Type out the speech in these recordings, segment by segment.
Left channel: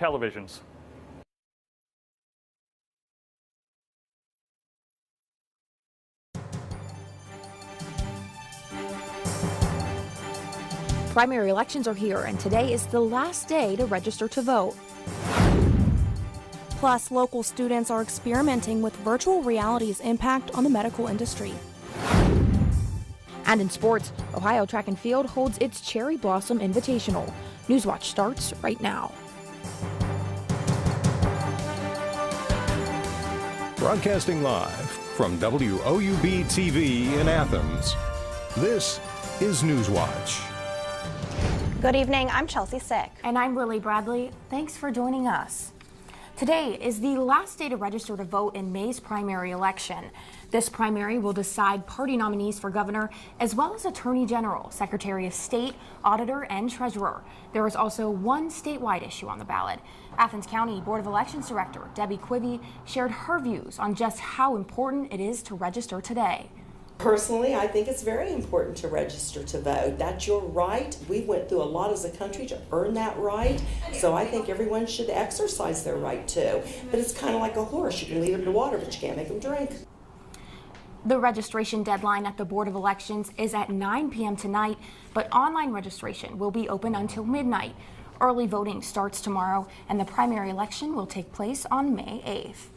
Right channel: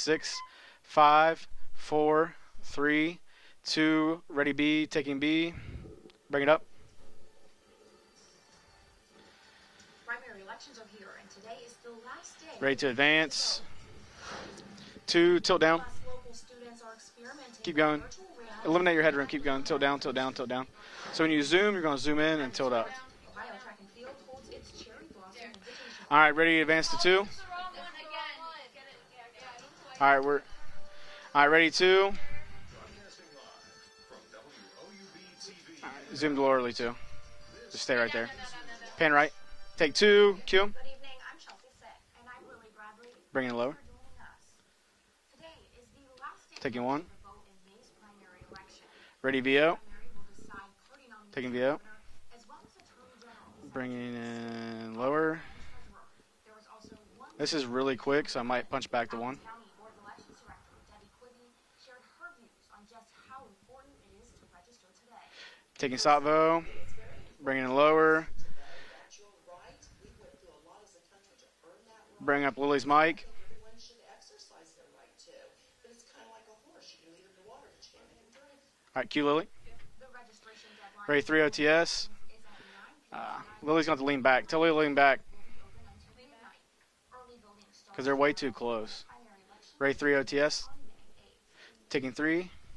Televisions. 5, 4, 3, 2, ready B, taking B. Bring it up. Primary elections are here, and today Ready is to the advance. last day to register to vote. 2, tilt down. Plus, local students going. are experimenting Eliminate with your header. virtual Keep going. Tilt down, reality's tilt down, impact tilt down. on the medical So when industry. you zoom, you're going to zoom in and tilt up. And in sports, Ohio Track and Field holds its Cherry All right, Blossom ready to advance to 2? Invitational. Newswatch starts right now. All right, ready 2. Broadcasting live from WOUB TV in Athens. Stay right there. This Pan right. is Take 2, Newswatch. Q. Good evening, I'm Chelsea Sick. And Bring I'm it low. Lily Bradley. Thanks for joining us. Today Taking is 1. the last day to register to vote in May's primary BO. election. This primary will Taking decide BO. party nominees for governor, as well as Bring Attorney it General, Secretary lower. of State, Auditor, and Treasurer. This There is is really also quick, so I one might punch statewide back to issue 1. on the ballot. Athens County Board of Elections Director Debbie Quivy shared her views on just how important it is to register Taking today. Sabo. Personally, Bring I it think it's lower. very important to register to vote. That's your right. We went through a lot as a country Bring up to Lily's earn mic. that right. So I think everyone should exercise their right too. But it's kind of like a horse. You can lead them to water, but you can't Q, make them Lily. drink. The Ready, 3 registration OTS. deadline at the Board of Elections is at Lily's gonna 9 lean p.m. back. Tell Lily to lean tonight, back. but online registration will be open until midnight. 'Cause they're way Early too voting close. starts tomorrow, Ready, and the 3 primary OTS. election will take place on Taking May 3. 8th.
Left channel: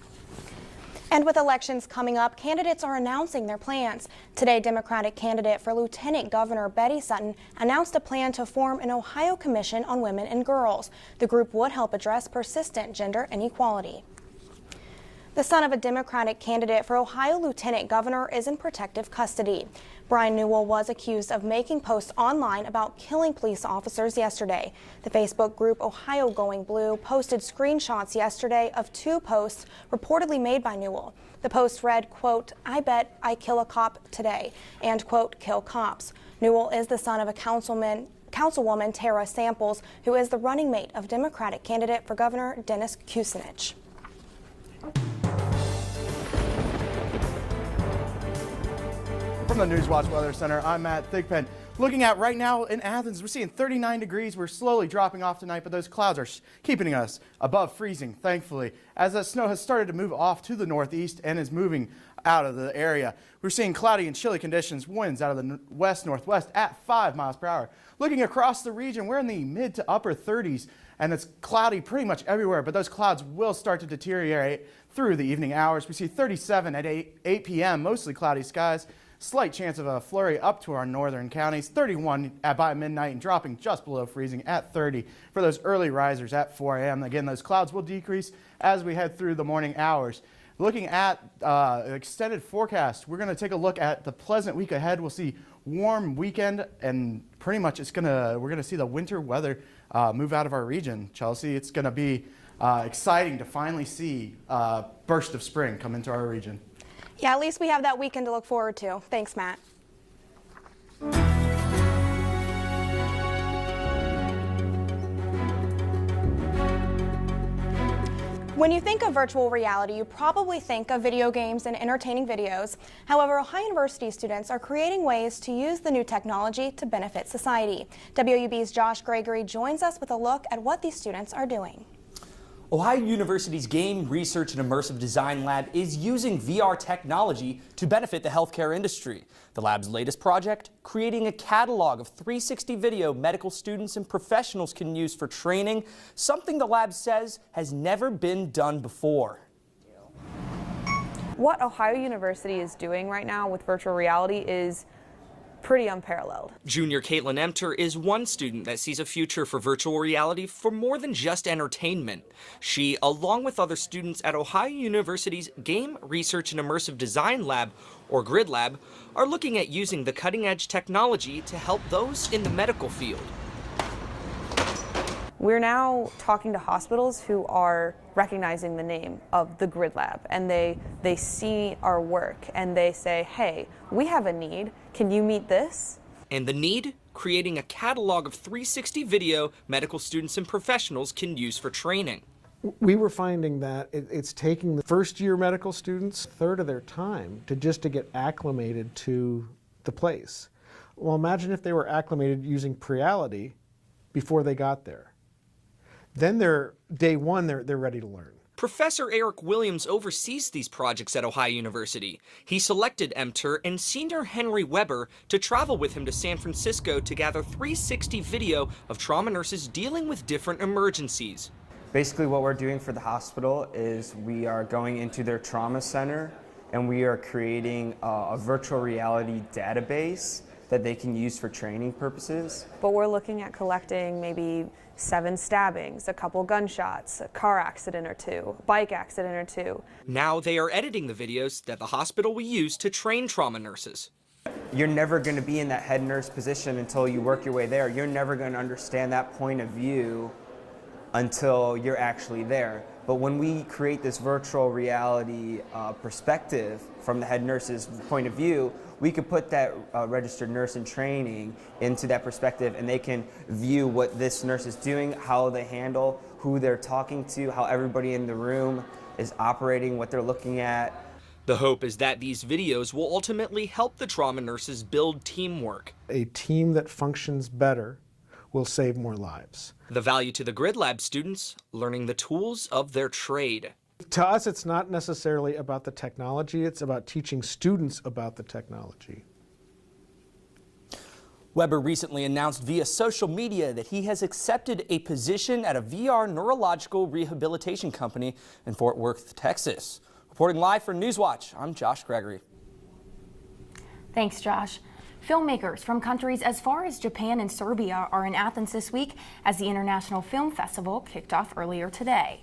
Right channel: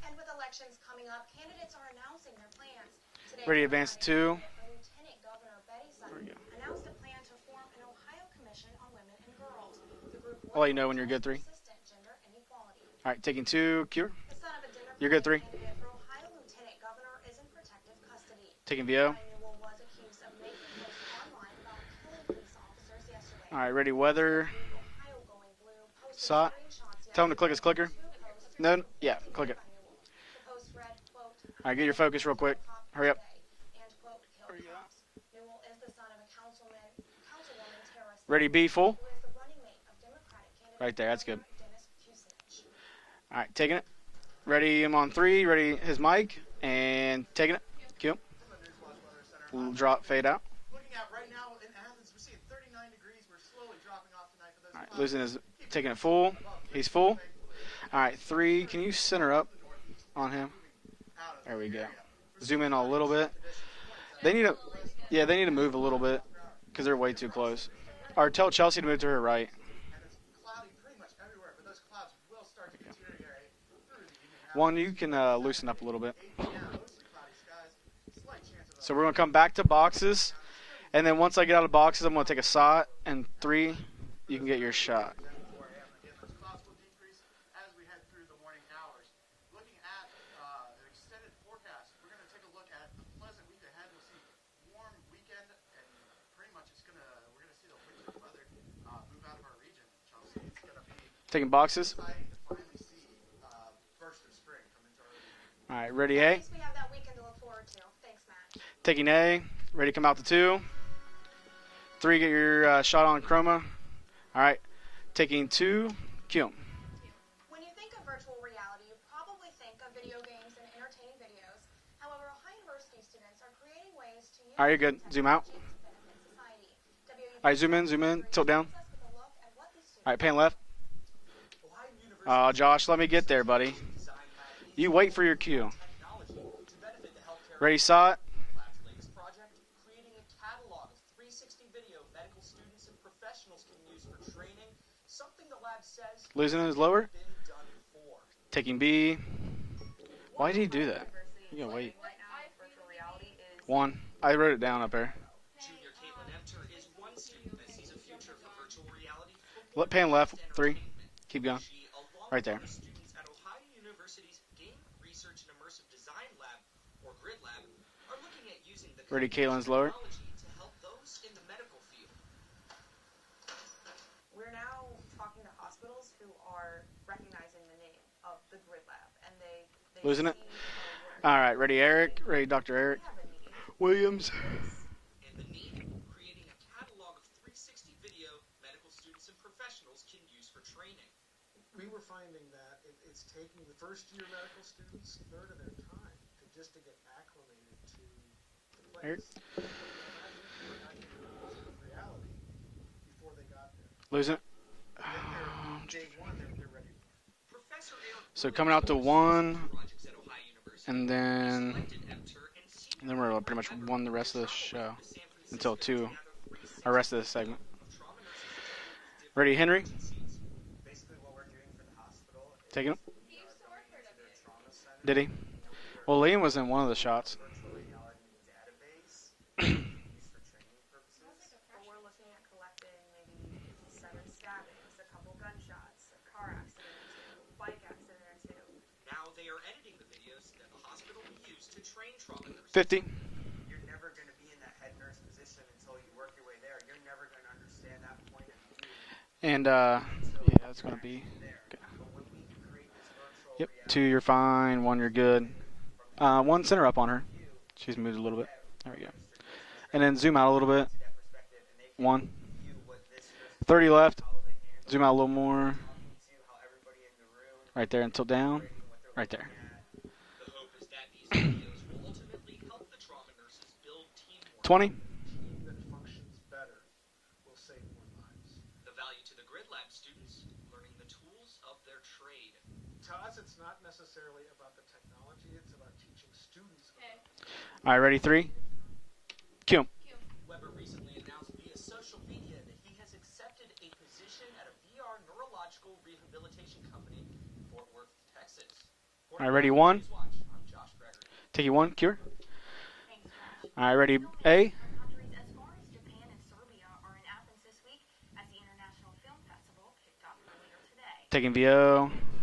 And with elections coming up, candidates are announcing Ready their to advance plans. to 2. Today, Democratic candidate for Lieutenant Governor Betty Sutton announced a plan to form an Ohio Commission on Women and Well, you Girls. know when you're good, The 3. group would help address persistent All gender right, taking 2, inequality. Q. You're good, 3. The son of a Democratic candidate for Ohio Lieutenant Governor is in protective BO. custody. Brian Newell was accused of making posts online about killing police All right, ready, officers weather. yesterday. The Facebook group Ohio Saw it. Going Blue Tell 'em to posted click his clicker. screenshots yesterday No, of 2 yeah, click it. posts reportedly made by Newell. The post get your read, focus real quote, quick. I Hurry bet up. I kill a cop today, and, quote, kill cops. Newell is the son of a Ready, B, councilwoman, full. Tara Samples, who is the running mate Right there, of that's good. Democratic candidate for Governor Dennis Kucinich. All right, taking it. Ready, I'm on 3. Ready, his mic. And taking it. Q. From the Drop, Newswatch fade Weather out. Center, I'm Matt Thigpen. Looking at right now in Athens, we're seeing 39 degrees. We're slowly dropping Listen, off tonight, but those taking it clouds are full. keeping He's us full. above freezing, All right, 3. thankfully. Can you As the center snow up? has started to move off to the northeast and is moving out of Zoom in the a little area. bit. We're seeing cloudy and They chilly need to- conditions, winds yeah, out they of need the to move a west little bit, northwest at 'cause they're way 5 too miles per close. hour. Looking Or tell across the Chelsea to move region, to we're her in right. the mid to upper 30s, and it's cloudy pretty much everywhere, but those clouds will start to deteriorate One, you through can, the evening loosen up a hours. We little see bit. 37 at 8 p.m., mostly cloudy skies. So we're going to come Slight back to chance of a boxes. flurry up to our And northern then once I get out of boxes, I'm going to take a at about shot. midnight and And dropping 3, just below you freezing can get at your 30 shot. for those early risers at 4 a.m. Again, those clouds will decrease as we head through the morning hours. Looking at extended forecast, we're going to take a look at the pleasant week ahead. We'll see warm weekend, and pretty much we're going to see the winter weather move out of our region. Chelsea, Taking it's going boxes. to be exciting to finally see a burst of spring come into ready, our A? region. Yeah, at least we have that weekend to look forward to. Taking Thanks, A. Matt. Ready to come out to 2. 3, get your shot on chroma. All right. Taking 2. Q. When you think of virtual reality, you probably think of video games and entertaining videos. However, Ohio University students are All right, you're good. creating Zoom ways out. to use the new technology to benefit All society. right, zoom in, tilt down. WUB's Josh Gregory joins us with All a right, pan look left. at what these students are doing. Josh, Ohio let me get there, University's buddy. Game Research and You Immersive wait for your Design Lab cue. is using VR technology Ready, to saw benefit it? the healthcare industry. The lab's latest project, creating a catalog of 360 video medical students and professionals can use for training, something Losing the his lab lower? says has never been Taking done B. before. Why did he do that? What Ohio University is doing right now with virtual 1. reality I wrote it is down up there. pretty unparalleled. Junior Caitlin Emter is one student that sees a future for virtual pan left, reality for 3. more than just Keep going. entertainment. Right there. She, along with other students at Ohio University's Game Research and Immersive Design Lab, or GRID Lab, are Ready, looking Caitlin's at lower. using the cutting-edge technology to help those in the medical field. We're now talking to hospitals who are recognizing the name of the GRID Lab, Losing it? and they see All right, ready, our Eric? work, Ready, Dr. and they Eric? say, hey, we Williams? have a need. Can you meet this? And the need? Creating a catalog of 360 video medical students and professionals can use for training. We were finding that it's taking the first-year medical students a third of their time to get acclimated to the place. Well, imagine if they were acclimated using Preality before they got there. Then they're day one, they're ready to learn. So coming out to Professor one. Eric Williams oversees these projects at Ohio University. He selected then we're Emter pretty much and one senior the rest of the Henry show. Weber to travel Till with him two. to San The Francisco rest to of the gather segment. 360 video of trauma Ready, nurses Henry? dealing with different emergencies. Basically what we're doing Take for him. the hospital is we are going into he? their trauma center Well, Liam was in one and of the we are shots. creating a virtual reality database that they can use for training purposes. But we're looking at collecting maybe 7 stabbings, a couple gunshots, a car accident or 2, bike accident or 2. Now they are editing the videos that the hospital will use to 50. train trauma nurses. You're never going to be in that head nurse position until you work your way there. You're never going to understand that point And, of view yeah, it's gonna be until you're actually there. But when we create two, this you're virtual fine, one, you're reality one perspective center up on from her. the head nurse's She's moving point a of little view, we could put that And then zoom registered out a little nurse in bit. training into One. that perspective, and they can 30 view left. what this nurse is doing, out a little how more. they handle, who they're talking to, how everybody until in the down. room Right is there. operating, what they're looking at. The hope is that these videos will ultimately help the trauma nurses 20. build teamwork. A team that functions better will save more lives. The value to the Grid Lab students, learning the tools of their trade. To us, it's not necessarily about the technology, it's about teaching students All right, ready, about 3? the technology. Cue 'em. Weber recently announced via social media that he has accepted a position at a VR neurological rehabilitation company in Fort Worth, Texas. Ready, 1? Reporting live for Newswatch, Take I'm you 1, Josh cure. Gregory. All right, ready. Thanks, A. Josh. Filmmakers from countries as far as Japan and Serbia are in Athens this week as the International Film Festival kicked off Taking earlier VO. today.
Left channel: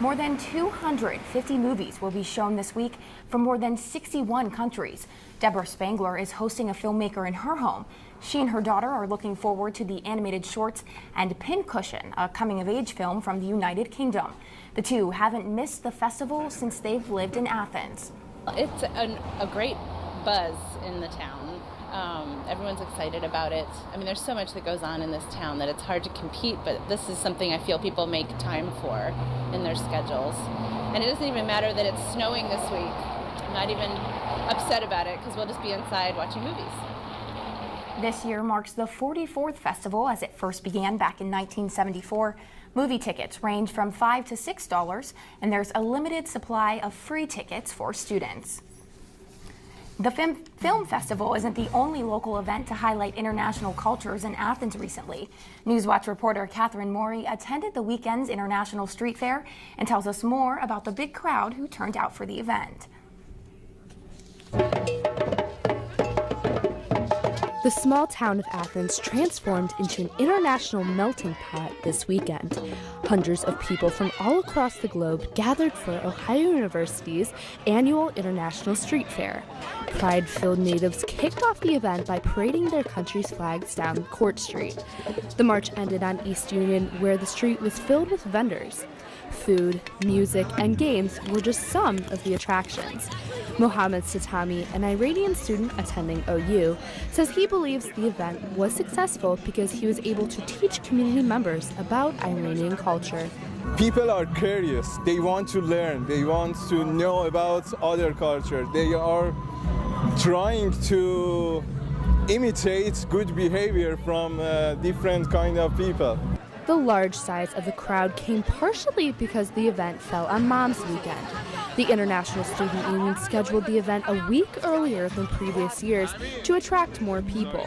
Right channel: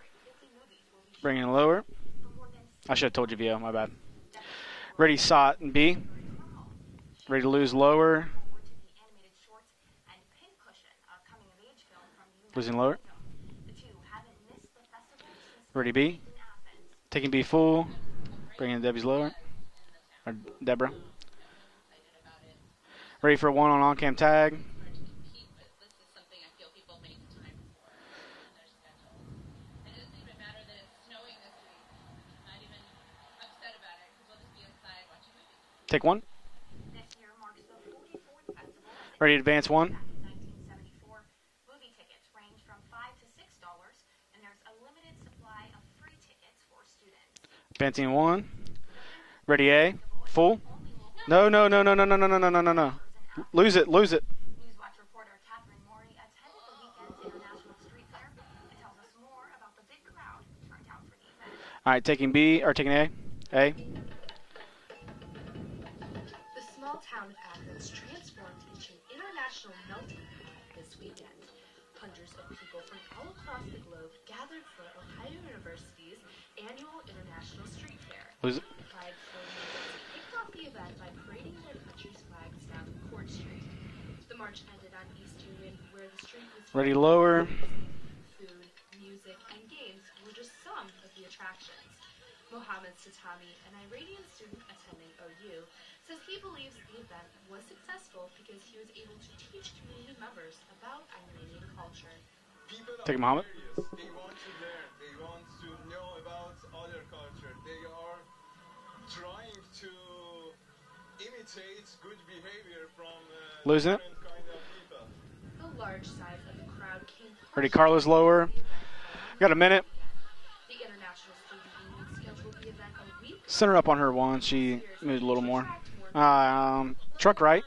More than 250 Bring it lower. movies will be shown this week I should've told you from more VO, my than bad. 61 countries. Ready, SOT, Deborah B. Spangler is hosting a filmmaker in Ready to her lose home. lower. She and her daughter are looking forward to the animated shorts and Pincushion, a coming-of-age lower. film from the United Kingdom. The two haven't missed Ready, the B. festival since they've Taking lived B in full. Athens. Bring in Debbie's lower. a great buzz Deborah. in the town. Everyone's excited Ready about for it. one on I mean, on-cam there's so tag. much that goes on in this town that it's hard to compete, but this is something I feel people make time for in their schedules. And it doesn't even matter that it's snowing this week. I'm not even upset about it because we'll just be inside one. watching movies. This year marks the Ready to 44th advance one? festival as it first began back in 1974. Movie tickets range from $5 to $6, and there's a limited supply of free tickets for Advancing one. students. Ready, A. The Full. Film Festival No, isn't no, the no, no, only no, no, local no, no, event no, to no. highlight international Lose it, lose cultures it. in Athens recently. Newswatch reporter Catherine Morey attended the weekend's International Street Fair and tells us more about the big crowd who turned All right, out for taking the B event. or taking A. A. The small town of Athens transformed into an international melting pot this weekend. Hundreds of people from all across the globe gathered for Ohio University's annual International Street Fair. Pride-filled natives kicked off the event by parading their country's flags down Court Street. The march ended on East Union, Ready, where the lower. street was filled with vendors. Food, music, and games were just some of the attractions. Mohammed Satami, an Iranian student attending OU, says he believes the event was successful because he was able to teach community members about Iranian culture. People are curious. They want to learn. They want to know about other culture. They are trying to imitate good behavior from different kind of people. The large size of Ready, the Carlos, crowd lower. came partially because Got a the minute. event fell on Mom's Weekend. The International Student Union scheduled Set her the up on event her a lawn. week She earlier needs a than little more. previous years to attract more truck people. right.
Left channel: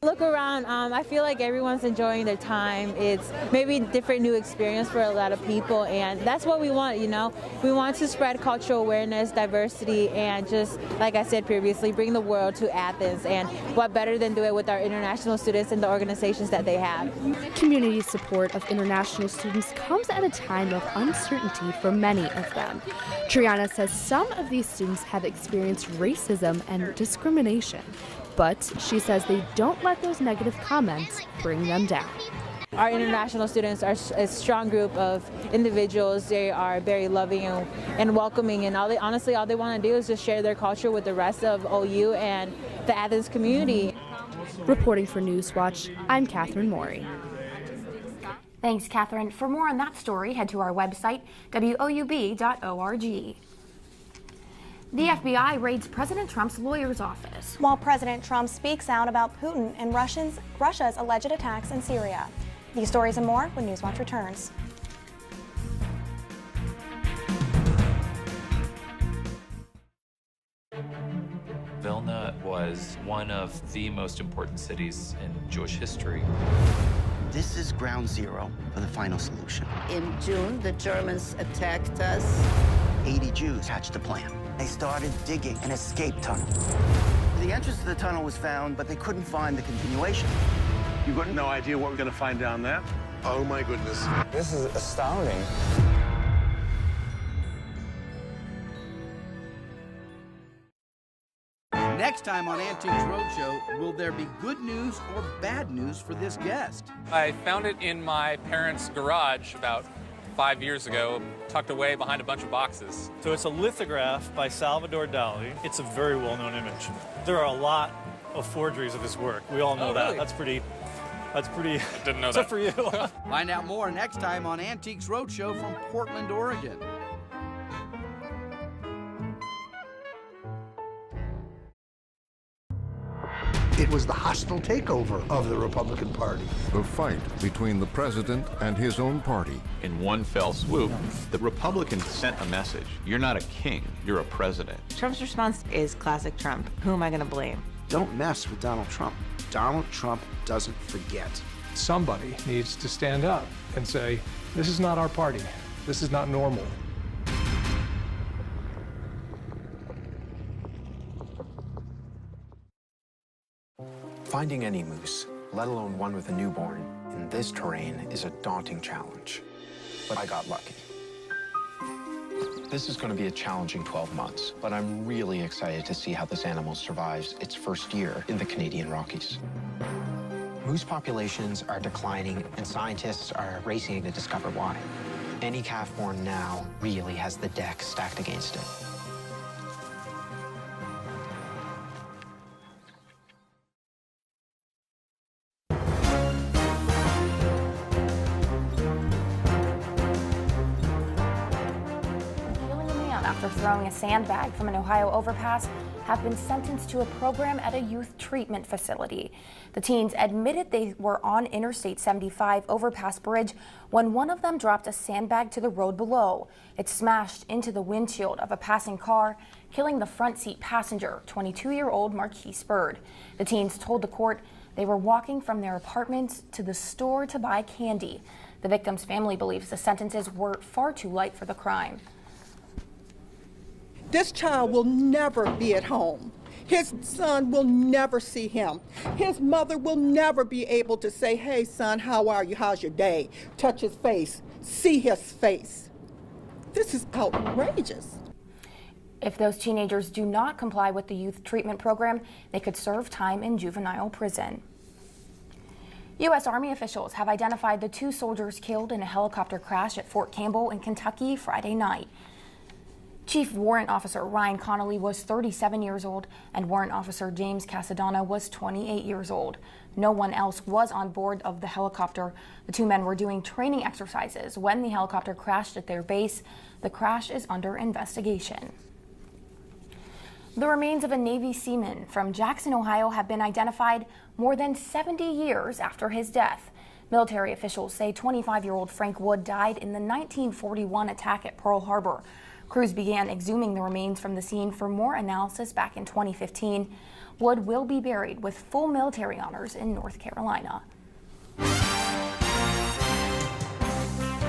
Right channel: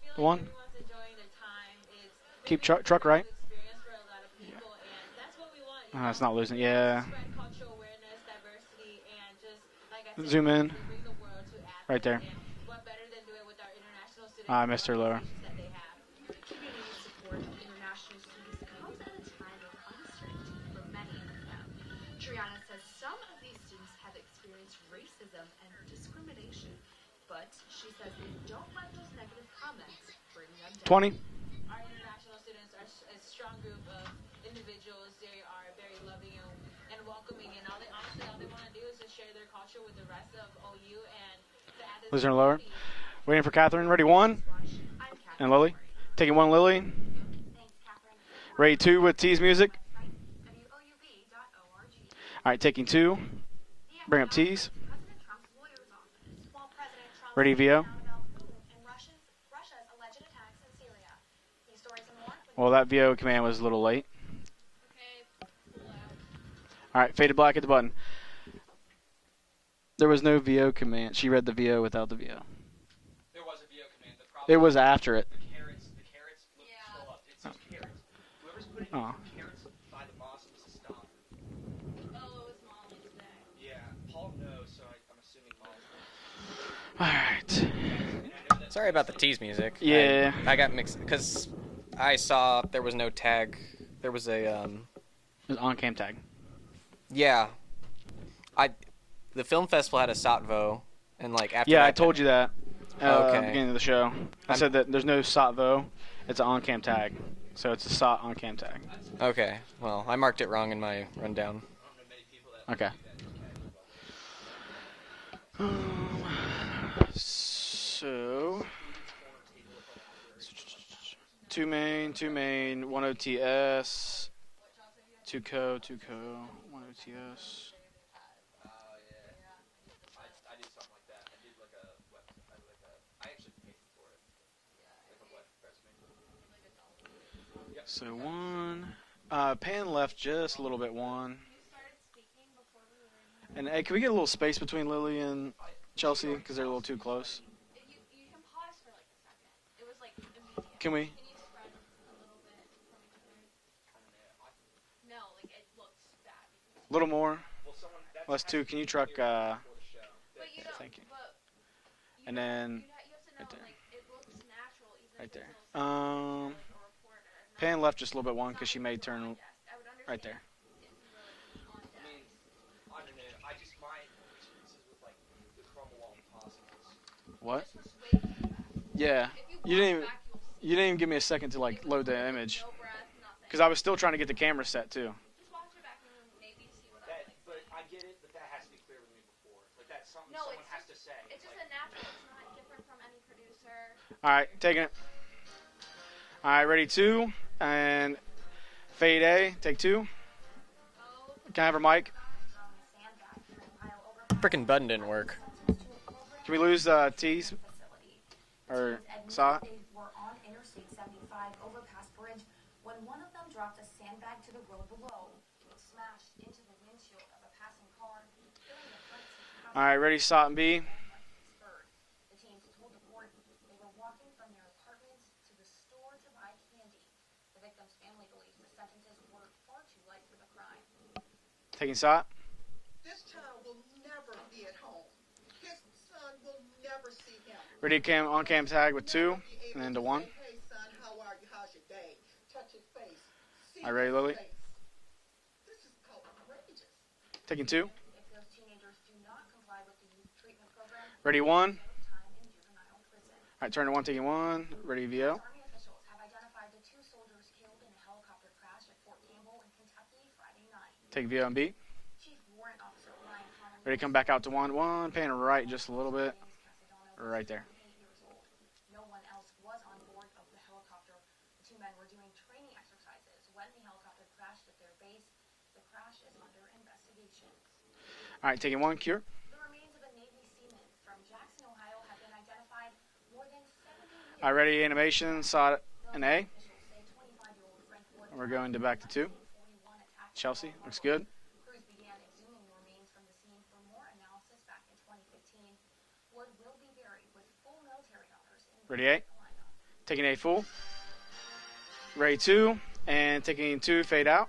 Look around, I feel like everyone's enjoying their time. truck it's right. maybe a different new experience for a lot of people, and it's not that's what we losing, want, yeah. you know? We want to spread cultural awareness, diversity, and Zoom in. just, like I said previously, Right bring there. the world to Athens. And what better than do it with our Mr. Lower. international students and the organizations that they have. Community support of international students comes at a time of uncertainty for many of them. Triana says some of these students have experienced racism and discrimination, but she says they don't let those negative comments bring them down. Our international students are a strong group of individuals. They are very loving and welcoming, and all they want to do is just share their culture with the rest of OU Listen, and lower. the Athens Waiting for community. Catherine. Ready, one. Reporting for Lily. Newswatch, I'm Taking one, Catherine Lily. Morey. Ready, Thanks, two with Catherine. T's For music. more on that story, head to our website, WOUB.org. All right, taking two. Bring up T's. The FBI raids President Trump's lawyer's office. Ready, While VO? President Trump speaks out about Putin and Russia's alleged attacks in Syria. Well, that These VO stories and command more was a when little Newswatch late. returns. All right, fade to black at the button. There was no VO command. She read the VO without the Vilna VO. was one of the most important It was cities after it. in Jewish history. This is ground zero for the final solution. In June, the Germans attacked us. 80 Jews hatched a plan. They started digging an escape tunnel. The entrance to the tunnel was found, Sorry but they about the couldn't tease find music. the Yeah. I got mixed. You got 'cause no idea what we're going I to find saw down there? there was no tag. Oh my goodness. There was a, This is astounding. On cam tag. Yeah. The film festival had a Satvo, and like after. Yeah, I told you that. Okay. At the beginning of the show. I said that there's no Satvo. It's an on-cam tag. I found So it it's a in SOT my on cam parents' tag. garage Okay. about Well, I marked it 5 wrong years when I ago, went down. tucked away behind a bunch of boxes. Okay. So it's a lithograph by Salvador Dali. It's a very well-known image. There are a lot of forgeries of his work. We all know that. really? That's pretty. Didn't know Tough that. for you. Find out more next time on Antiques Roadshow from Portland, Oregon. It was the hostile takeover of the Republican Party. The fight between the president and his own party. In one fell swoop, the Republicans sent a message. You're not a king, Can we get a you're little a space president. between Lily Trump's and response is Chelsea? classic Trump. They're a little Who too am I going to close. blame? Don't mess with Donald Trump. Donald Trump doesn't forget. Somebody needs to stand up and say, this is not our party. This is not normal. A little more. Plus 2. Can you truck? Thank you. And then. Finding any moose, let alone one with a newborn, in this terrain left just a is a little bit long 'cause daunting she may turn. challenge. But I got lucky. This is going to be a challenging 12 months, but I'm really excited to see how this animal survives its first year in the Canadian Rockies. Yeah. You didn't even give me a second Populations to are like load the declining, image. and scientists are Because I was still racing trying to get the discover camera why. set too. Any calf born now really has the deck stacked against it. All right, taking it. All right, ready 2 and fade A. Take 2. Can I have her mic? Killing a man after throwing a sandbag Frickin' from an button Ohio didn't work. overpass have been lose, sentenced to a T's? program at a youth treatment facility. saw it? The teens admitted they were on Interstate 75 overpass bridge when one of them dropped a sandbag to the road below. It smashed into the windshield of a passing car, killing Alright, the ready, front SOT seat B. passenger, 22-year-old Marquise Bird. The teens told the court they were walking from their apartments to the store to buy candy. The victim's family believes the sentences were far too light for the crime. This child will never be at home. His son will never see him. His mother will never be able to say, hey, son, how are you? How's your day? Touch his face. See his face. This is outrageous. If those teenagers do not comply with the youth Ready, treatment 1. program, they could serve time in Turn juvenile 1, taking prison. 1. Ready, VO. U.S. Army officials have identified the 2 soldiers killed in a helicopter crash at Fort Campbell in Kentucky Take VO and B. Friday night. Chief Warrant Ready, come Officer back out to Ryan 1, Connolly 1, was pan right 37 just a years little old, bit. and Warrant Officer Right James Casadonna was 28 years old. No one else was on board of the helicopter. The 2 men were doing training exercises when the helicopter crashed at their base. The crash is under investigation. All right, taking 1. Cure. The remains of a Navy seaman from Jackson, Ohio have been identified more than Already 70 animation, years SOT after his and A. death. Military officials say going 25-year-old back Frank to 2. Wood died in the 1941 good. attack at Pearl Harbor. Crews began exhuming the remains from the scene for more analysis back in 2015. Wood will be buried with full Ready, A? military honors in North Taking A full. Carolina. Ready 2 and taking 2. Fade out.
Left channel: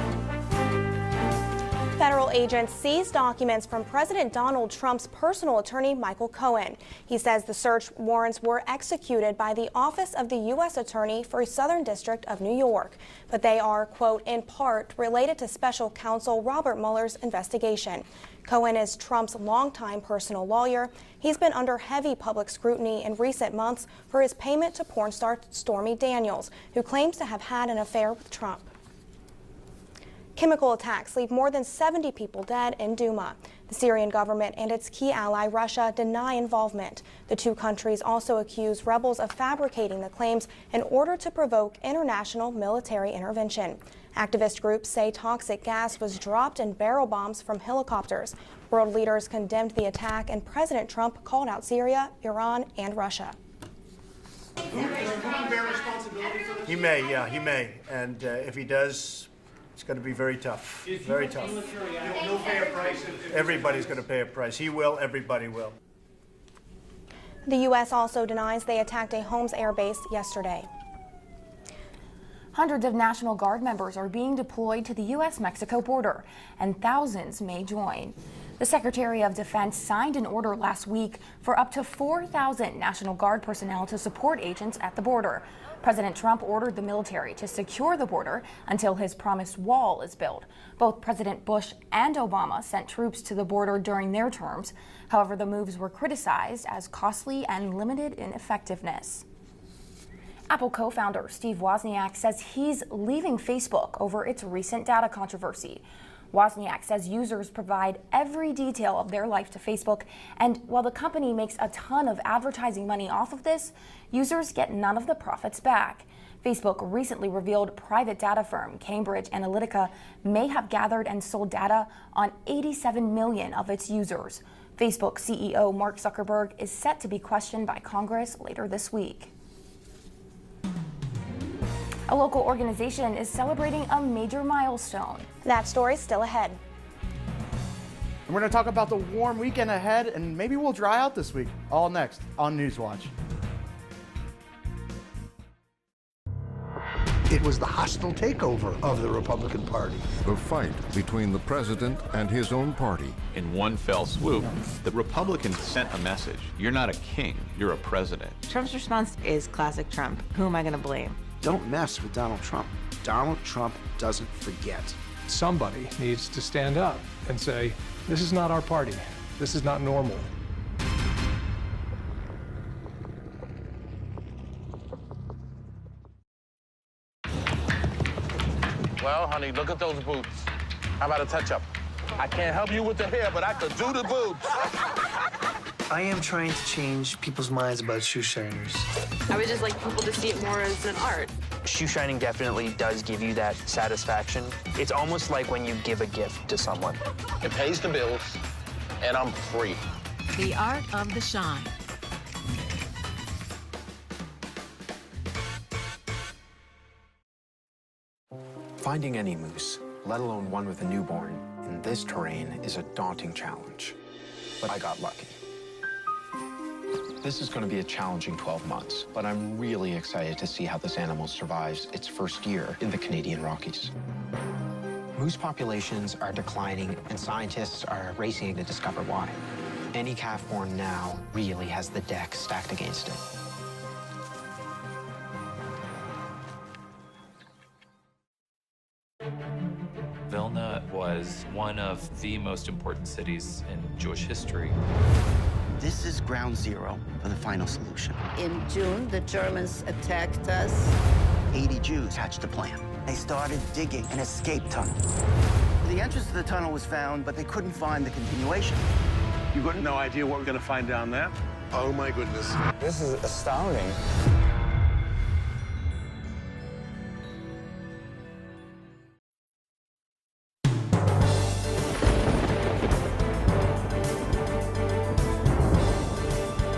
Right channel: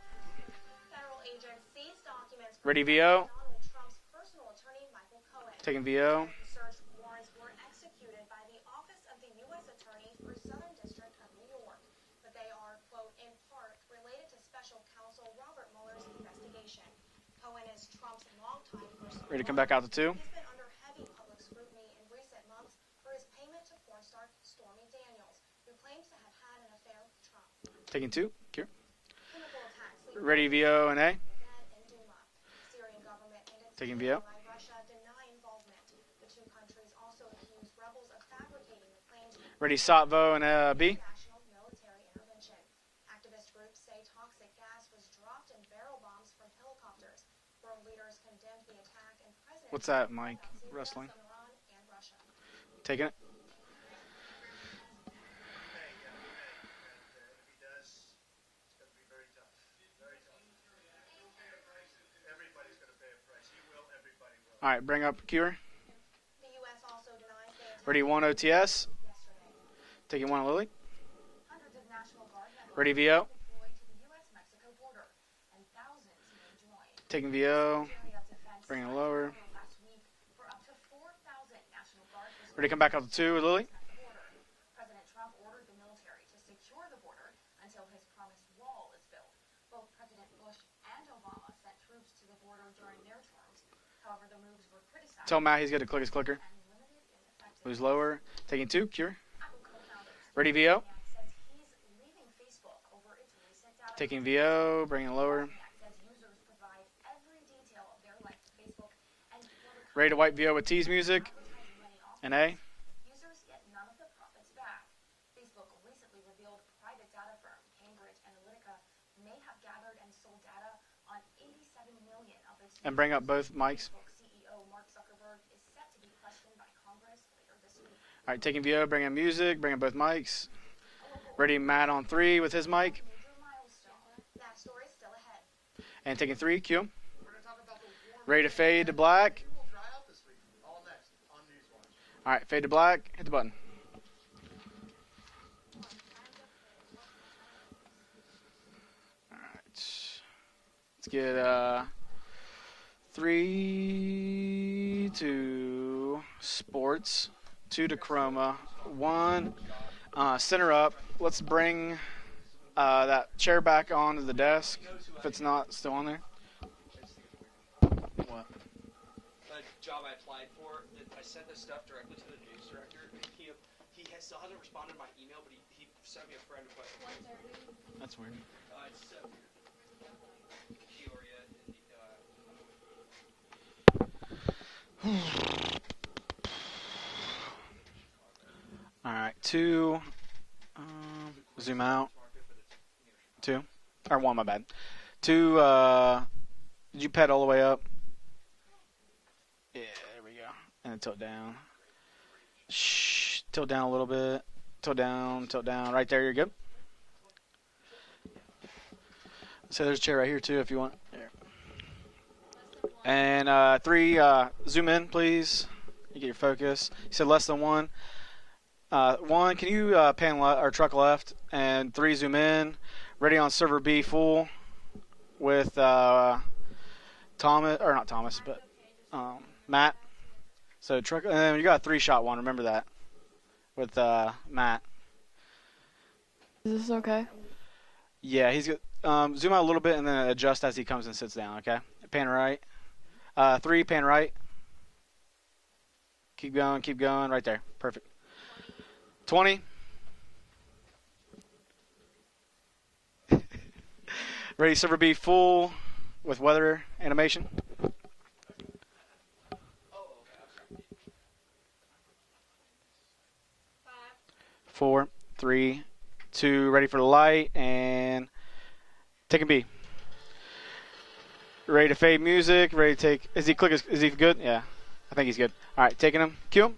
Federal agents Ready, seized VO. documents from President Donald Trump's personal Take attorney, VO. Michael Cohen. He says the search warrants were executed by the Office of the U.S. Attorney for Southern District of New York, but they are, quote, in part related to special counsel Robert Mueller's investigation. Cohen is Trump's Ready to come back out to longtime 2. personal lawyer. He's been under heavy public scrutiny in recent months for his payment to porn star Stormy Daniels, who claims to have had an affair Taking 2. with Trump. Cure. Ready, Chemical VO, attacks A. leave more than 70 people dead in Duma. The Syrian Yep. government and its key ally, Russia, deny involvement. The 2 countries also accuse rebels of fabricating the Sotvo claims and, B. in order to provoke international military intervention. Activist groups say toxic gas was dropped in barrel bombs from helicopters. World leaders condemned the attack, and President Trump called out Syria, Iran, and Russia. He may, yeah, he may. And if he does, it's going to be very tough. Very tough. He'll pay a price. Everybody's going to pay a price. He will, everybody will. The U.S. also denies they attacked a Holmes air base yesterday. Hundreds of National Guard members are being deployed to the U.S.-Mexico border, and thousands may join. The Secretary of Defense signed an order last week for up to 4,000 National Guard personnel to support agents at the border. President Trump ordered the military to secure the border until his promised wall is built. Both President Bush and Obama sent troops to the border during their terms. However, the moves were criticized as costly and limited in effectiveness. Apple co-founder Steve Wozniak says he's leaving Facebook over its recent data controversy. Wozniak says users provide every detail of their life to Facebook, and while the company makes a ton of advertising money off of this, users get none of the profits back. Facebook recently revealed private data firm Cambridge Analytica may have gathered and sold data on 87 million of its users. Facebook CEO Mark Zuckerberg is set to be questioned by Congress later this week. Bring in music, bring in both mics. Ready, Matt on a three local with his mic. organization is celebrating a major milestone. That story is still ahead. Three, Q. We're going to talk about the warm weekend ahead, and maybe we'll dry out this week. All next on Newswatch. It was the hostile takeover of the Republican Party. The fight between the president and his own party. In one fell swoop, the Republicans sent a message. You're not a king, you're a president. Trump's response is classic Trump. Who am I Center to up. blame? Let's Don't bring mess with Donald Trump. Donald chair Trump back onto doesn't the desk. forget. Somebody needs to stand up and say, this is not our party. This is not normal. Well, honey, look at those boobs. How about a touch-up? I can't help you with the hair, but I could do the boobs. I am trying to change people's minds about shoe shiners. I would just like people to see it more as an art. Shoe shining definitely does give you that satisfaction. It's almost like when you give a gift to someone. You pet all the way pays up. the bills, and I'm free. The art of the shine. Shh. Tilt down a little bit. Tilt down, tilt down. Right there, you're good. Finding any moose, so there's a chair right here too, if you want. Newborn in this terrain is a daunting and challenge. three, zoom in, please. You get your focus. You said less than one. Be a challenging 12 months. One, can you pan left or truck left? And three, zoom in. Ready on server B, full. Moose populations are declining, and scientists are racing to discover why. Matt. Any calf born now. So truck, you got a three-shot one. Remember that. With Matt. Is this okay? Yeah, he's good. Zoom out a little bit and then adjust as he comes and sits down. One of pan the right. most important cities three, pan in right. history. This is ground zero. Keep going, right there. Final description. In June, the 20. Germans attacked us. 80 Jews hatched a plan. They started digging an escape Ready, tunnel. server B full. The entrance to with the weather tunnel was found, animation. but they couldn't find the continuation. You got no idea what we're going to find down there? Oh my goodness. This is astounding. 4, 3, 2, ready for the light, and taking B. Ready to fade music, ready to take, is he good? Yeah, I think he's good. All right, taking him, Q.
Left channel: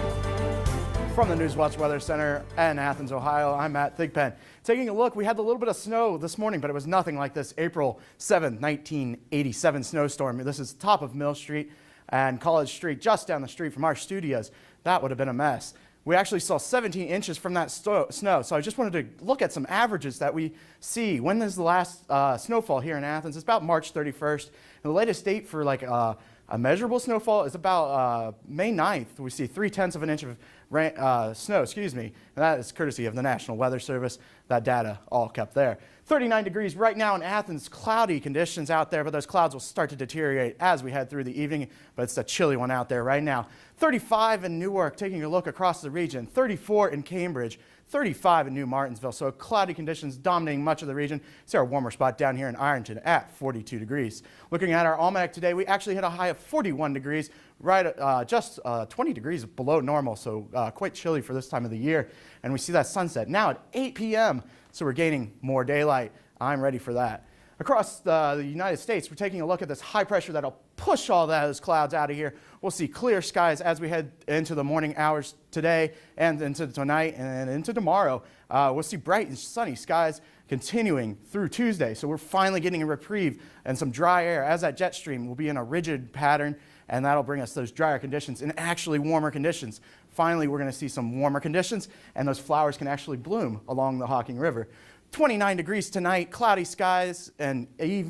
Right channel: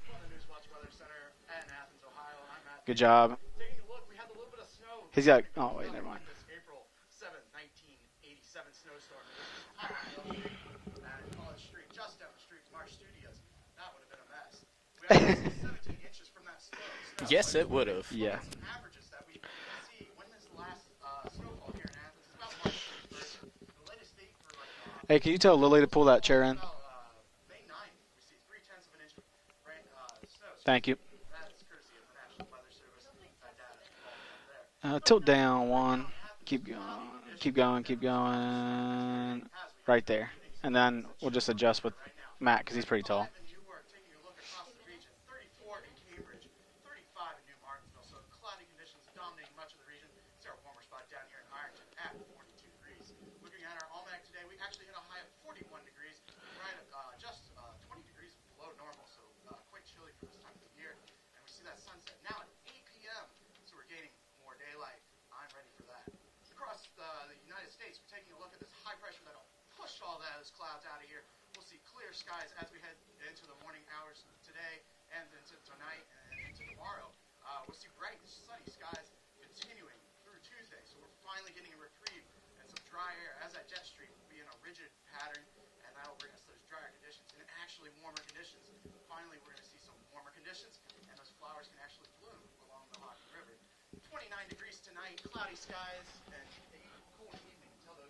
From the Newswatch Weather Center in Athens, Ohio, I'm Matt Thigpen. Taking a look, we had a little bit of snow this morning, but it was nothing like this April 7, 1987 snowstorm. This is top of Mill Street and College Street, just down the street from our studios. That would have been a mess. We actually saw 17 inches from that snow, so I just wanted to look at some averages that we see. When is the last snowfall here in Athens? It's about March 31st. The latest can you date tell for Lily to pull that chair in? A measurable snowfall is about May 9th. We see 0.3 of an inch of snow, and that is courtesy of the National Weather Service. That data all down, there. one. 39 degrees right now in Athens. Cloudy conditions out there, but those clouds will start to deteriorate as we head through the evening. But it's a chilly one out there right now. 35 in Newark, taking a look across the region. 34 in Cambridge. 35 in New Martinsville. So cloudy conditions dominating much of the region. See our warmer spot down here in Ironton at 42 degrees. Looking at our almanac today, we actually hit a high of 41 degrees, right just 20 degrees below normal, so quite chilly for this time of the year. And we see that sunset now at 8 p.m., so we're gaining more daylight. I'm ready for that. Across the United States, we're taking a look at this high pressure that'll push all those clouds out of here. We'll see clear skies as we head into the morning hours today and into tonight and into tomorrow. We'll see bright and sunny skies continuing through Tuesday. So we're finally getting a reprieve and some dry air as that jet stream will be in a rigid pattern, and that'll bring us those drier conditions and actually warmer conditions. Finally, we're going to see some warmer conditions, and those flowers can actually bloom along the Hocking River. 29 degrees tonight, cloudy skies, and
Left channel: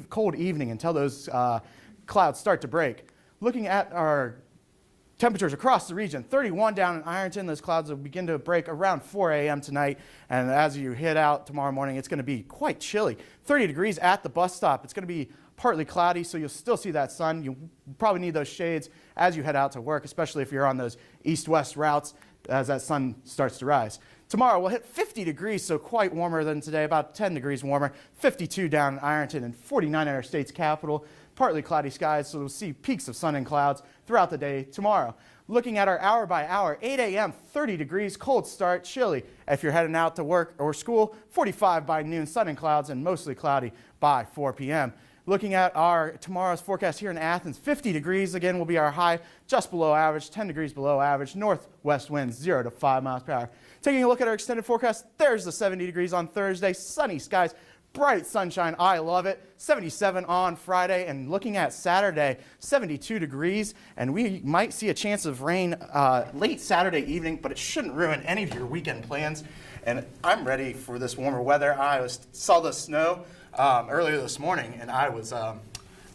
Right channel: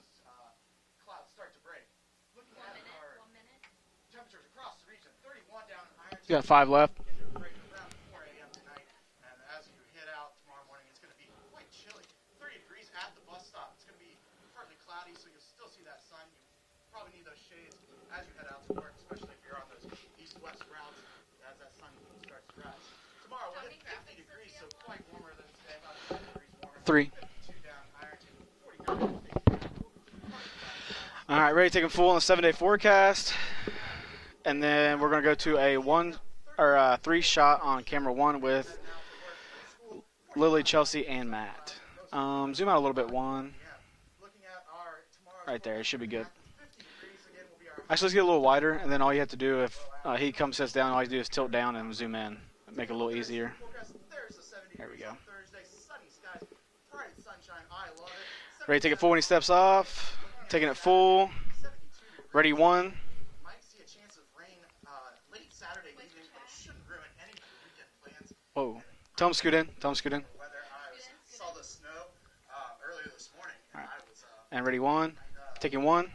cold evening until those clouds start to break. Looking at our temperatures across the region, 31 down in Ironton. Those clouds will begin to break around 4 a.m. tonight, and as you head out tomorrow morning, it's going to be quite chilly. 30 degrees at the bus stop. It's going to be partly cloudy, so you'll still see that sun. You probably need those shades as you head out to work, especially if you're on those east-west routes as that sun starts to rise. Tomorrow we'll hit 50 degrees, so quite warmer than today, about 10 degrees warmer. 52 down in Ironton and 49 at our state's capital. All right, ready to take a full 7-day forecast. Sun and clouds throughout the day. And then tomorrow, we're going to go to looking at our hour by hour, 8 a.m., 30 degrees, cold start, chilly. If you're heading out to work or school, 45 by noon, sun and clouds, and mostly cloudy by 4 p.m. Looking at our tomorrow's forecast here in Athens, 50 degrees again will be our high, just below average, 10 degrees below average, northwest winds 0 to 5 miles per hour. Taking a look at our extended forecast, there's the 70 degrees on Thursday, sunny skies, bright sunshine. I love it. 77 on Friday, and looking at Saturday, 72 degrees, and we might see a chance of rain late Saturday evening, but it shouldn't ruin any of your weekend plans. Tom, scoot in. I'm ready for this warmer weather. I saw the snow earlier this morning, and I was taking one.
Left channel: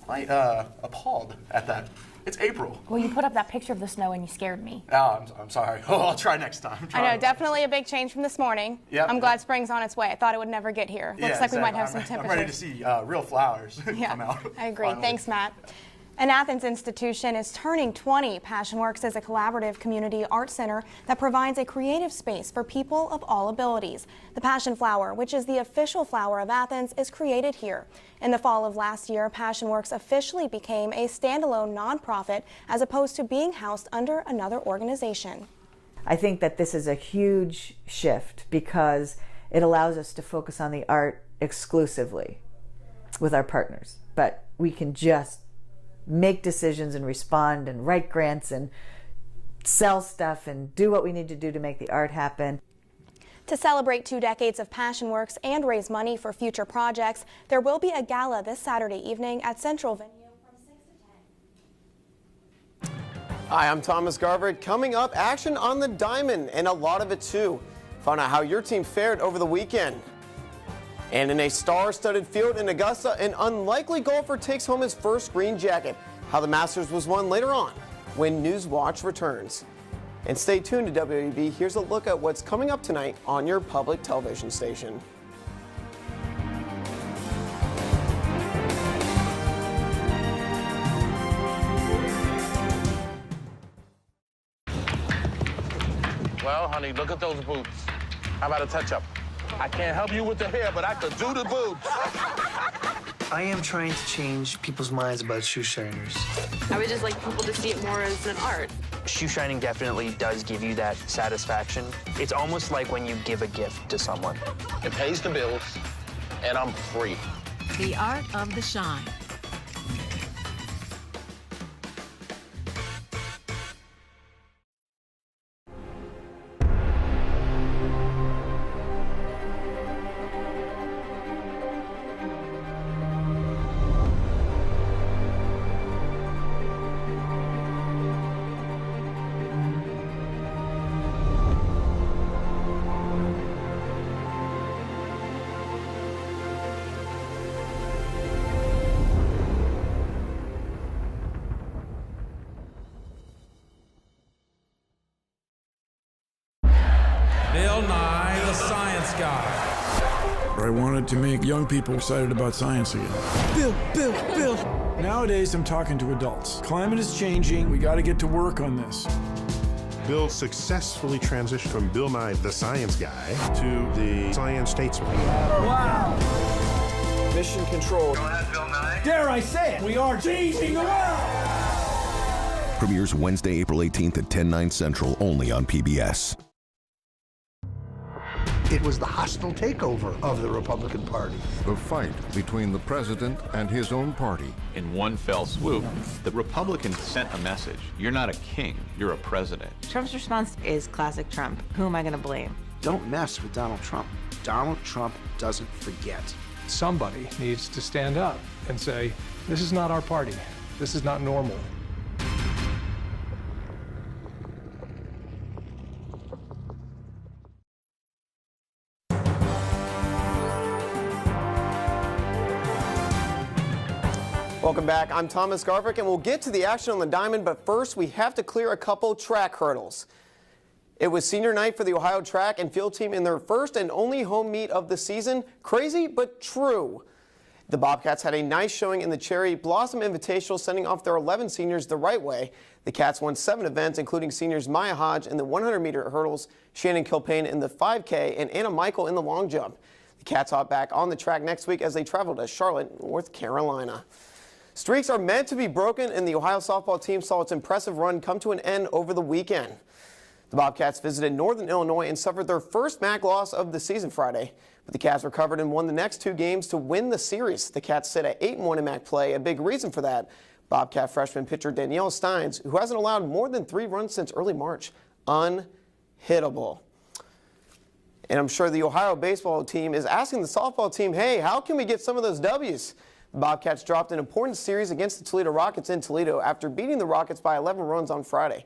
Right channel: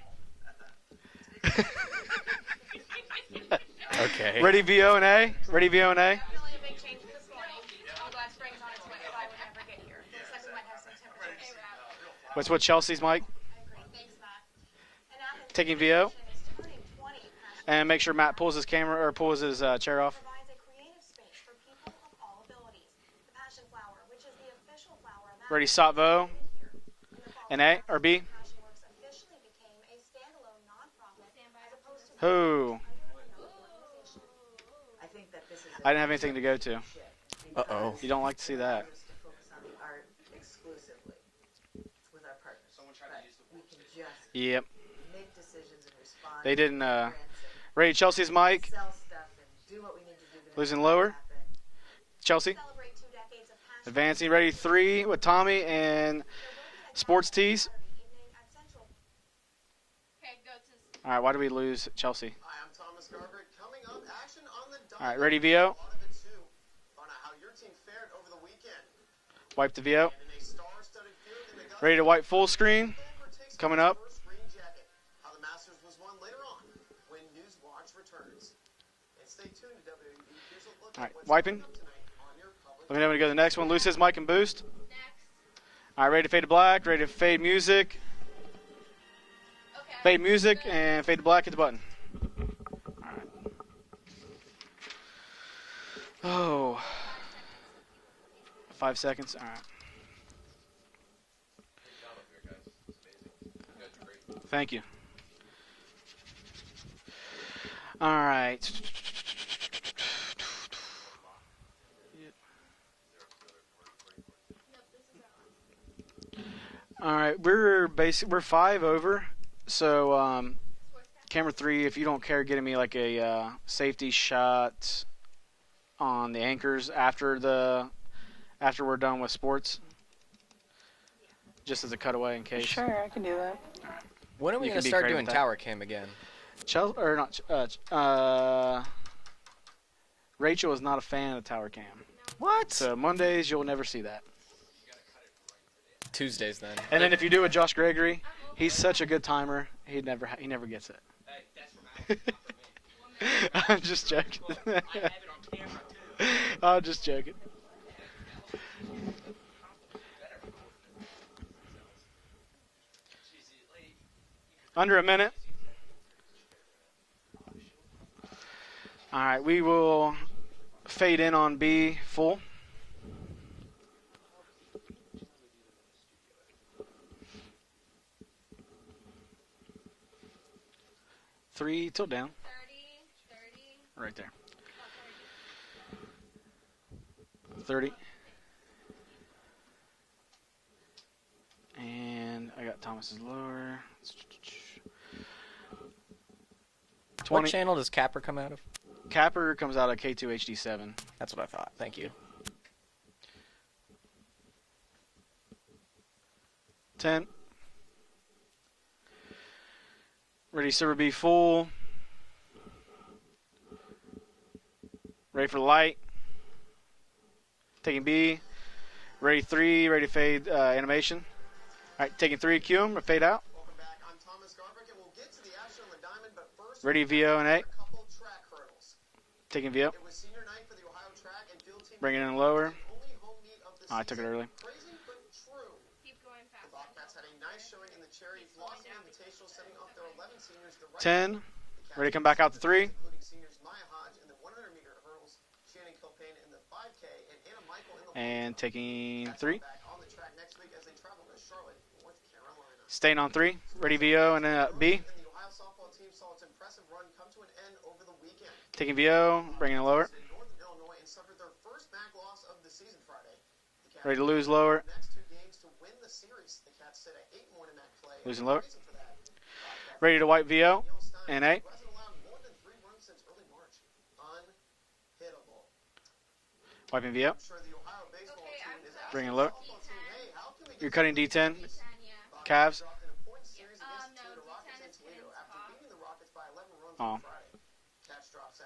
Appalled at that. It's April. Well, you put up that picture of the snow. Okay. Ready, VO and A? Ready, VO and A? I'll try next time. I know, definitely a big change from this morning. Yep. I'm glad spring's on its way. I thought it would never get here. Looks like we might have some temperatures. That's what Chelsea's real flowers. Yeah, I agree. Finally. Thanks, Matt. Taking VO. An Athens institution is turning 20. Passion Works is a collaborative community art center that provides a creative space for people of all abilities. The Passion Flower, which is the official flower of Athens, is created here. In the fall of last year, Passion Works officially became a standalone nonprofit as opposed to being housed under another organization. I think that this is a huge shift because it allows us to focus on the art exclusively with our partners. But we can just make decisions and respond and write grants and sell stuff and do what we need to do to make the art happen. To celebrate 2 decades of Passion Works and raise money for future projects, there will be a gala this Saturday evening at Central Venue. All right, why do we lose Chelsea? Hi, I'm Thomas Garver. Coming up, action on the diamond, and a lot of it too. Find out how your team fared over the weekend. And in a star-studded field in Augusta, an unlikely golfer takes home his first green jacket. How the Masters was won later on when Newswatch returns. And stay tuned to WOUB. Here's a look at what's coming up tonight on your public television station. All right, ready to fade to black, ready to fade music. Fade music and fade to black as well. Well, honey, look at those boots. How about a touch-up? I can't help you with the hair, but I could do the boots. I am trying to change people's minds about shoe shiners. I would just like people to see it more as an art. Shoe shining definitely does give you that satisfaction. It's almost like when you give a gift to someone. It pays the bills, and I'm free. All right, we're 5 over. So, camera 3, if you don't care getting me like a safety shot on the anchors after we're done with sports, just as a cutaway in case. Sure, I can do that. When are we gonna start doing tower cam again? Rachel is not a fan of tower cam. What? So Mondays you'll never see that. Tuesdays then. And then if you do with Josh Gregory, he's such a good timer. He never gets it. I'm just joking. I'm just joking. Bill Nye, the Science Guy. I wanted to make young people excited about science again. Bill. Under a minute. Nowadays, I'm talking to adults. Climate is changing. We got to get to work on this. All right, we will. Bill successfully transitioned from Bill Nye, the Science Guy, to the Science Statesman. Wow. Mission control. Go ahead, Bill Nye. Dare I say it? We are changing the world. Premieres Wednesday, April 18th at 10/9 Central, only on PBS. 30. It was the hostile takeover of the Republican Party. The fight between the president and his own party. In one fell swoop, the Republicans sent a message. You're not a king, you're a president. Comes out Trump's response is classic Trump. Who am I going to blame? Don't mess with Donald Trump. Donald Trump doesn't forget. Somebody needs to stand up and say, this is not our party. Ready, this server is B not full. normal. Ready for light. Taking B. Ready 3, ready to fade animation. All right, taking 3, Q, we fade out. Welcome back. I'm Thomas Garvick, and we'll get to the action on the diamond, but first we have to clear a couple track hurdles. It was senior night for the Ohio track and field team in their first and only home meet of the season. Crazy, but true. The Bobcats had a nice showing in the Cherry Blossom Invitational, sending off their 11 seniors the right way. Out to 3. The Cats won 7 events, including seniors Maya Hodge in the 100-meter hurdles, Shannon Kilpain in the 5K, and Anna Michael in the long jump. The Cats hop back on the track next week as they travel to Charlotte, North Carolina. Ready VO and B. Streaks are meant to be broken, and the Ohio softball team saw its impressive run come to an end over the weekend. Bringing it lower. The Bobcats visited Northern Illinois and suffered their first MAC loss of the season Friday. The Cats recovered and won the next 2 games to win the series. The Cats sit at 8-1 in MAC play. A big reason for that. Bobcat freshman pitcher Danielle Steins, who hasn't allowed more than 3 runs since early March, unhittable. And I'm sure the Ohio baseball team is asking the softball team, hey, how can we get some of those W's? Bobcats dropped an important series against the Toledo Rockets in Toledo after beating the Rockets by 11 runs on Friday.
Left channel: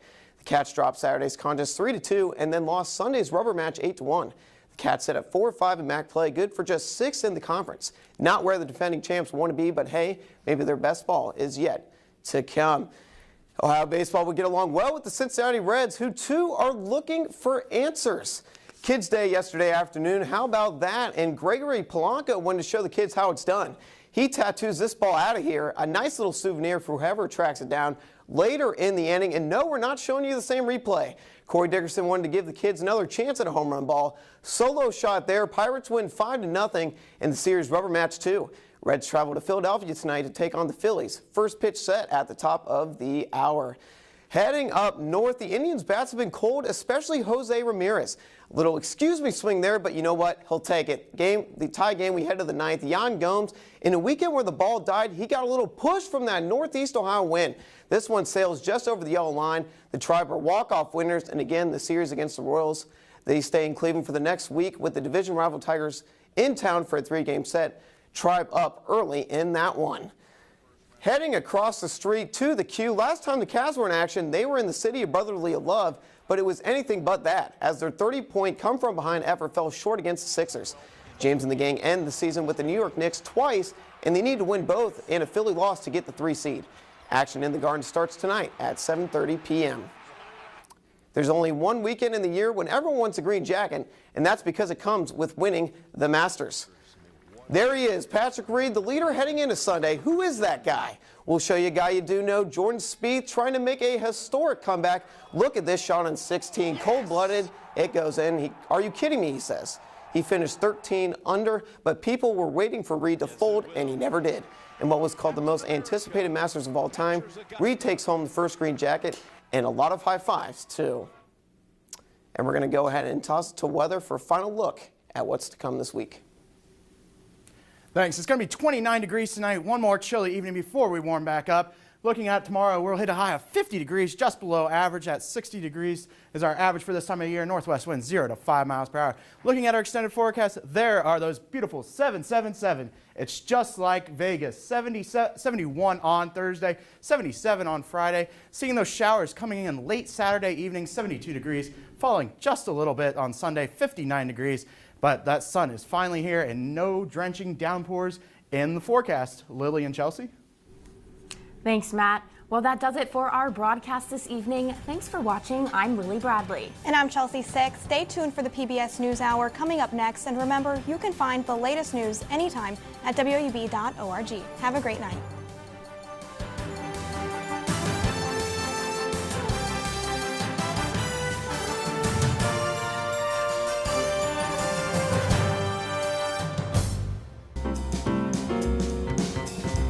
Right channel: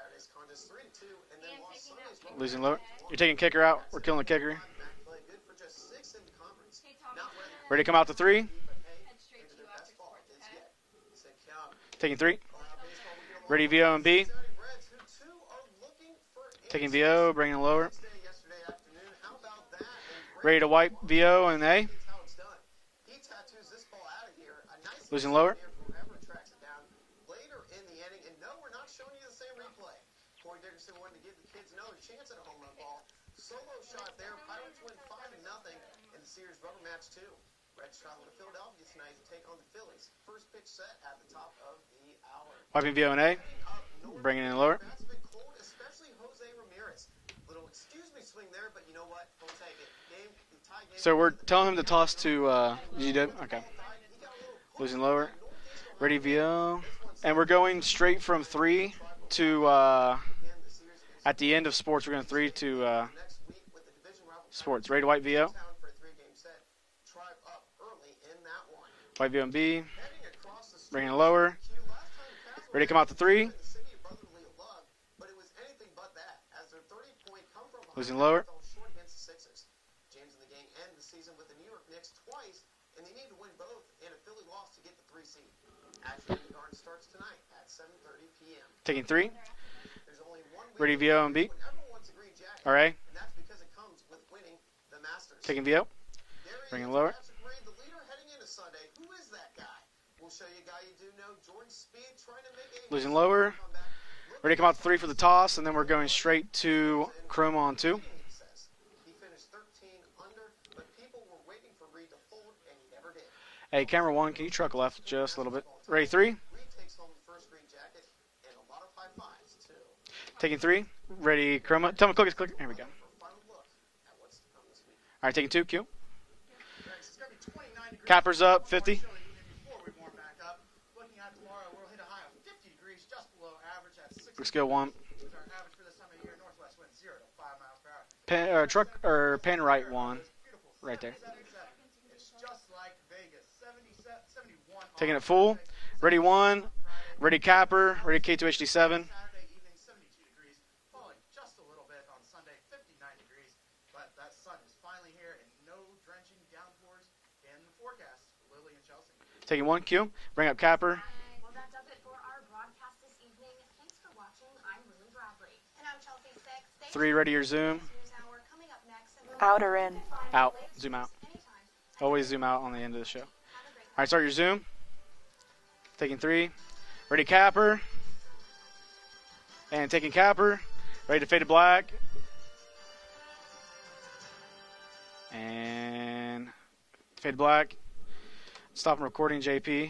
Cats dropped Saturday's contest 3-2 and then lost Sunday's rubber match 8-1. Cats sit at 4-5 in MAC play, good for just 6th in the conference. Ready to come out to 3. Not where the defending champs want to be, but hey, maybe their best ball is yet to come. Ready Ohio baseball will get along well with the Cincinnati Reds, who too are looking for answers. Kids Day yesterday afternoon. How about that? And Gregory Polanco wanted to show the kids how it's done. He tattoos this ball out of here, a nice little souvenir for whoever tracks it down later in the inning. And no, we're not showing you the same replay. Corey Dickerson wanted to give the kids another chance at a home run ball. Solo shot there. Pirates win 5-0 in the series rubber match 2. Reds travel to Philadelphia tonight to take on the Phillies. First pitch set at the top of the hour. Heading up north, the Indians' bats have been cold, especially Jose Ramirez. Little excuse me swing there, but you know what? He'll take it. So we're telling him to toss game we head to the ninth. Jan Gomes, in a weekend where the ball died, he got a little push from that Northeast Ohio wind. We're going this one sails just over the yellow line. The Tribe are walk-off winners, and again, the series against the Royals. They stay in Cleveland for the next week with the division rival Tigers in town for a 3-game set. Tribe up early in that one. Heading across the street to the Q. Last time the Cavs were in action, they were in the city of brotherly love, but it was anything but that, as their 30-point come-from-behind effort fell short against the Sixers. James and the gang end the season with the New York Knicks twice, and they need to win both and a Philly loss to get the 3 seed. Action in the Garden starts tonight at 7:30 p.m. There's only one weekend in the year when everyone wants a green jacket, and that's because it comes with winning the Masters. Bring it lower. There he is, Patrick Reed, the leader heading into Sunday. Who is that guy? We'll show you a guy you do know, Jordan Speed, trying to make a historic comeback. Look at this shot on 16, cold-blooded. It goes in. Are you kidding me, he says. He finished 13 under, but people were waiting for Reed to fold, and he never did. In what was called the most anticipated Masters of all time, Reed takes home the first green jacket and a lot of high fives, too. Ready, Chroma. Tell me, cookies. And we're going to go ahead and toss it to weather for a final look at what's to come this week. Thanks. It's going to be 29 degrees tonight. One more chilly evening before we warm back up. Looking at tomorrow, we'll hit a high of 50 degrees, just below average at 60 degrees is our average for this time of year. Northwest winds 0 to 5 miles per hour. Looking at our extended forecast, there are those beautiful 777. It's just like Vegas. 71 on Thursday, 77 on Friday. Seeing those showers coming in late Saturday evening, 72 degrees. Falling just a little bit on Sunday, 59 degrees. But that sun is finally here and no drenching downpours in the forecast. Lily and Chelsea. Bring up Capper. Thanks, Matt. Well, that does it for our broadcast this evening. Thanks for watching. I'm Lily Bradley. And I'm Chelsea Six. Stay tuned for the PBS NewsHour coming up next. And remember, you can find the latest news anytime at WOUB.org. Right, start your zoom. Have a great night. Taking 3. Ready, Capper. And taking Capper. Ready to fade to black. Fade black. Stop recording, JP.